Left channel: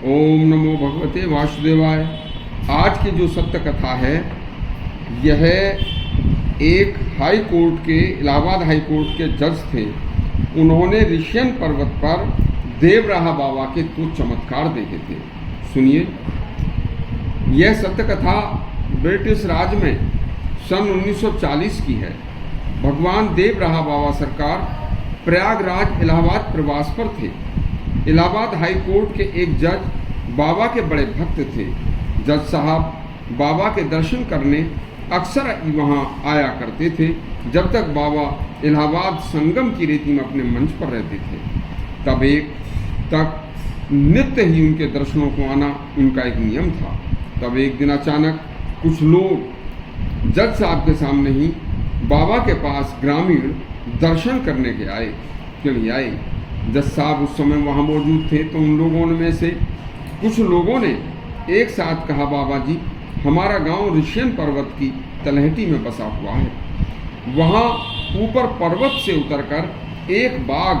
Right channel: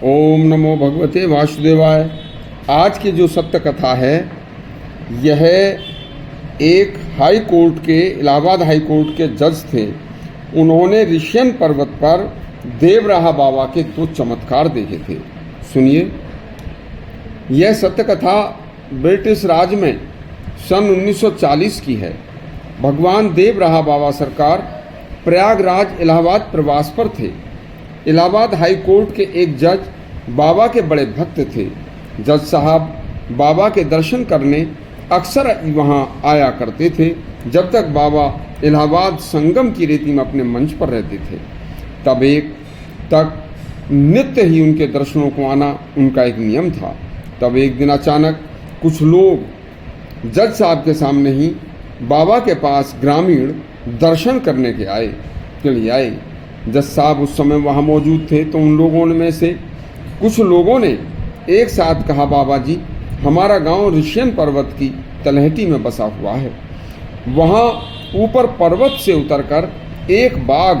ओम नमो भगवते वासुदेवाय। आज की जो सत्य कथा है यह एक हाई कोर्ट के इलाहाबाद हाई कोर्ट के जज थे। उन्होंने ऋषियन पर्वत पर देवराहा बाबा के कुछ चमत्कार देखे थे। सुनिए, यह सत्य कथा ब्रिटिश राज में सन 1940 की है। भगवान देवराहा बाबा सरकार प्रयागराज इलाहाबाद प्रवास पर थे। इलाहाबाद हाई कोर्ट के एक जज बाबा के बड़े भक्त थे। जज साहब बाबा के दर्शन करने अक्सर वहाँ आया करते थे जब तक बाबा इलाहाबाद संगम की रेती में अपने मंच पर रहते थे। तब एक तक नित्य ही उनके दर्शनों को आना उनका एक नियम था। तब एक दिन अचानक कुछ लोग जज साहब के सामने ही बाबा के पास ग्रामीण दर्शन करने के लिए आए। जज साहब उस समय वहाँ मौजूद थे, तो उन लोगों में से कुछ लोगों ने एक साथ कहा, बाबा जी, हमारा गांव ऋषियन पर्वत की तलहटी में बसा हुआ है। वहाँ ऊपर पर्वत से उतरकर एक बाघ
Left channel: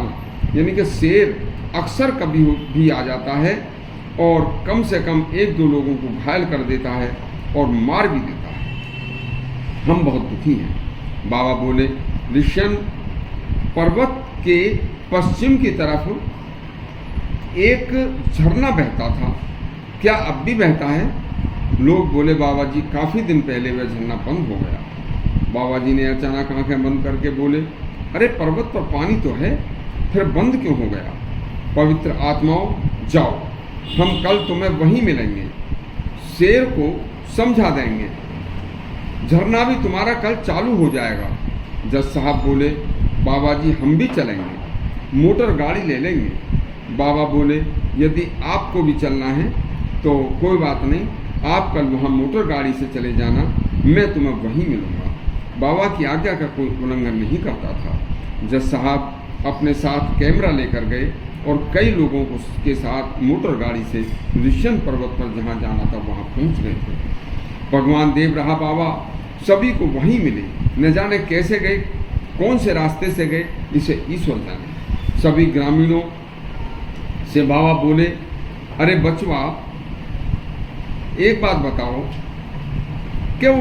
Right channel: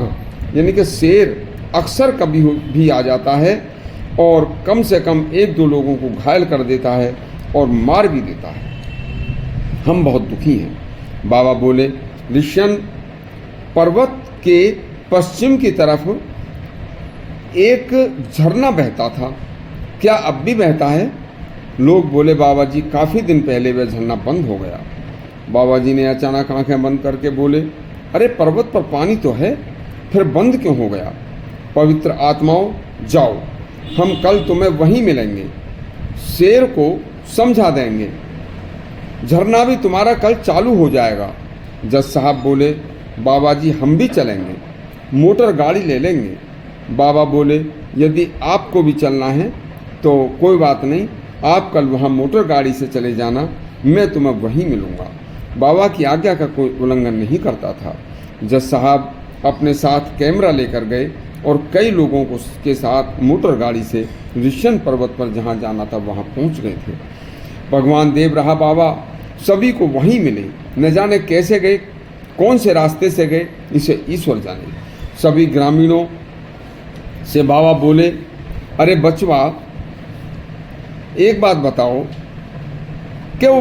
यानी कि शेर अक्सर कभी भी आ जाता है और कम से कम एक दो लोगों को घायल कर देता है और मार भी देता है। हम बहुत दुखी हैं। बाबा बोले, ऋषियन पर्वत के पश्चिम की तरफ एक झरना बहता था, क्या अब भी बहता है? लोग बोले, बाबा जी, काफ़ी दिन पहले वह झरना बंद हो गया। बाबा जी ने अचानक आंखें बंद करके बोले, अरे पर्वत पर पानी तो है, फिर बंद क्यों हो गया? पवित्र आत्माओं, जाओ, हम कल तुम्हें वहीं मिलेंगे, शेर को समझा देंगे, झरना भी तुम्हारा कल चालू हो जाएगा। जज साहब बोले, बाबा जी, हम भी चलेंगे, मोटर गाड़ी ले लेंगे। बाबा बोले, यदि आपको भी चलना है तो कोई बात नहीं, आप कल वहाँ मोटर गाड़ी से चले जाना, मैं तुम्हें वहीं मिलूँगा। बाबा की आज्ञा का कोई उल्लंघन नहीं करता था। जज साहब अपने साथ कैमरा लेकर गए और कई लोगों को के साथ मोटर गाड़ी से ऋषियन पर्वत पर जहाँ जाना था वहाँ पहुँच गए थे। भगवान देवराहा बाबा सभी को वहीं मिले। न जाने कैसे गए, कौन से रास्ते से गए, इसे ईश्वर जाने। सभी ग्रामीणों से बाबा बोले, अरे बचवा, एक बात बताओ कि वो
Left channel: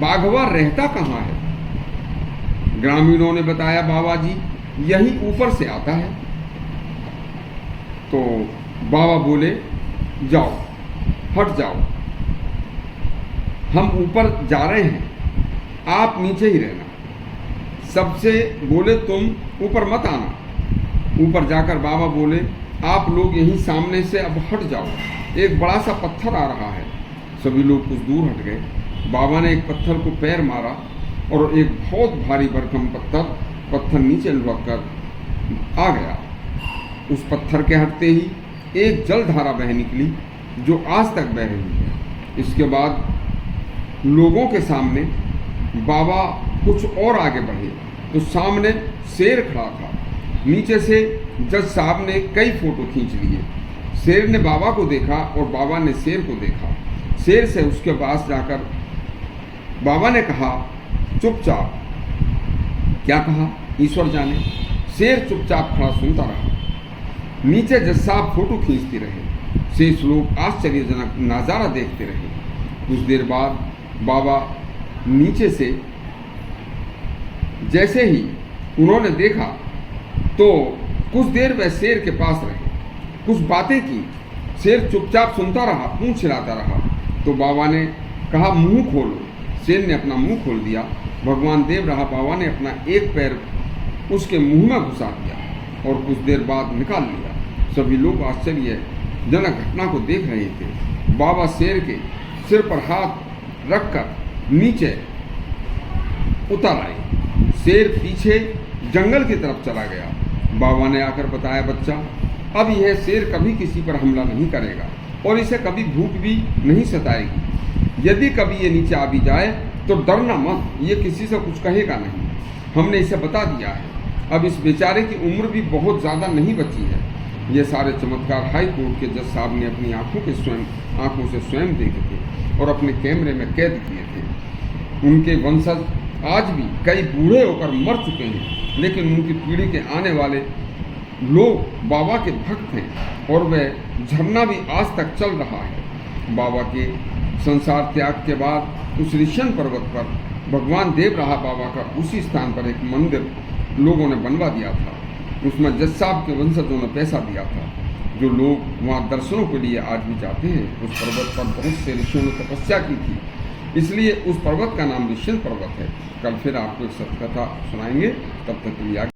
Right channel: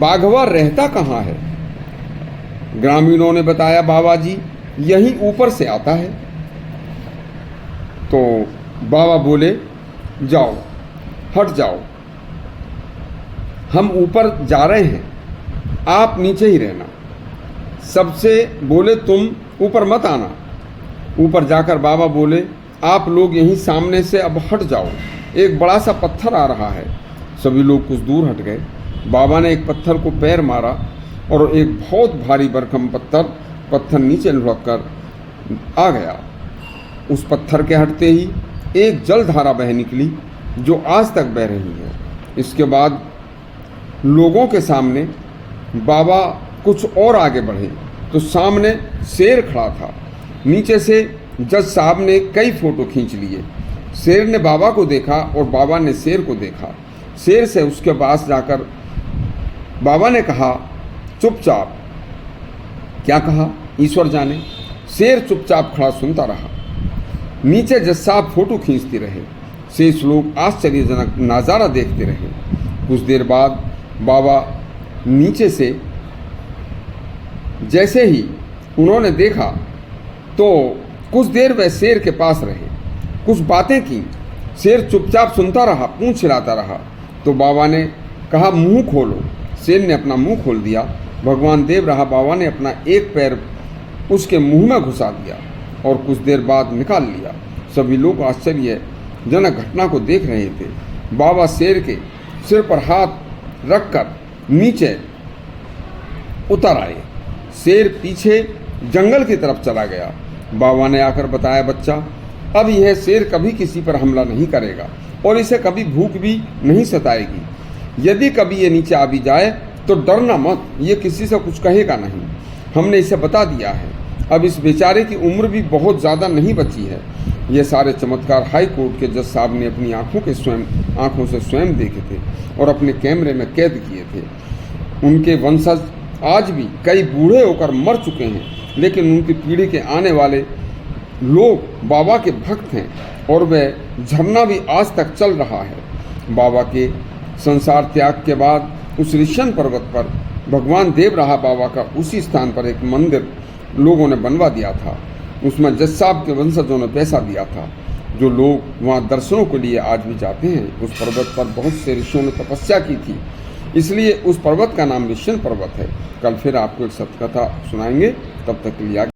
बाघवा रहता कहाँ है? ग्रामीणों ने बताया, बाबा जी, यहीं ऊपर से आता है। तो बाबा बोले, जाओ, हट जाओ, हम ऊपर जा रहे हैं, आप नीचे ही रहना। सबसे बोले, तुम ऊपर मत आना। ऊपर जाकर बाबा बोले, आप लोग यहीं सामने से अब हट जाओ, एक बड़ा सा पत्थर आ रहा है। सभी लोग कुछ दूर हट गए। बाबा ने एक पत्थर को पैर मारा और एक बहुत भारी भरकम पत्थर नीचे लुढ़क कर आ गया। उस पत्थर के हटते ही एक जलधारा बह निकली जो आज तक बह रही है। इसके बाद लोगों के सामने बाबा कुछ और आगे बढ़े तो सामने शेर खड़ा था। नीचे से जज साहब ने कई फोटो खींच लिए। शेर ने बाबा को देखा और बाबा ने शेर को देखा। शेर से उसके पास जाकर बाबा ने कहा, चुपचाप। क्या कहा, ईश्वर जाने। शेर चुपचाप खड़ा सुनता रहा। नीचे जज साहब फोटो खींचते रहे। शेष लोग आश्चर्यजनक नज़ारा देखते रहे। कुछ देर बाद बाबा नीचे से जैसे ही उन्होंने देखा तो कुछ देर वह शेर के पास रहे, कुछ बातें की। शेर चुपचाप सुनता रहा, पूंछ हिलाता रहा। तो बाबा ने कहा, मुंह खोलो। शेर ने अपना मुंह खोल दिया। भगवान देवराहा बाबा ने अपना एक पैर उसके मुंह में घुसा दिया और कुछ देर बाद निकाल लिया। सभी लोग आश्चर्यजनक घटना को देख रहे थे। बाबा शेर के सिर पर हाथ रखकर नीचे उतर आए। शेर पीछे जंगल की तरफ चला गया। बाबा ने आकर बताया, बच्चा, अब यह शेर कभी किसी पर हमला नहीं करेगा और इसे कभी भूख भी नहीं सताएगी। यदि कभी ये नीचे आ भी जाए तो डरना मत, ये किसी से कुछ कहेगा नहीं। हमने इसे बता दिया है। अब इस बेचारे की उम्र भी बहुत ज़्यादा नहीं बची है। ये सारे चमत्कार हाई कोर्ट के जज साहब ने अपनी आंखों से स्वयं देखे थे और अपने कैमरे में कैद किए थे। उनके वंशज आज भी कई बूढ़े होकर मर चुके हैं, लेकिन उनकी पीढ़ी के आने वाले लोग बाबा के भक्त हैं और वह झरना भी आज तक चल रहा है। बाबा के संसार त्याग के बाद उस ऋषियन पर्वत पर भगवान देव रहा बाबा का उसी स्थान पर एक मंदिर लोगों ने बनवा दिया था। उसमें जज साहब के वंशजों ने पैसा दिया था। जो लोग वहाँ दर्शनों के लिए आज भी जाते हैं, उस पर्वत पर बहुत से ऋषियों ने तपस्या की थी, इसलिए उस पर्वत का नाम ऋषियन पर्वत है। कल फिर आपको एक सत्य कथा सुनाएंगे, तब तक के लिए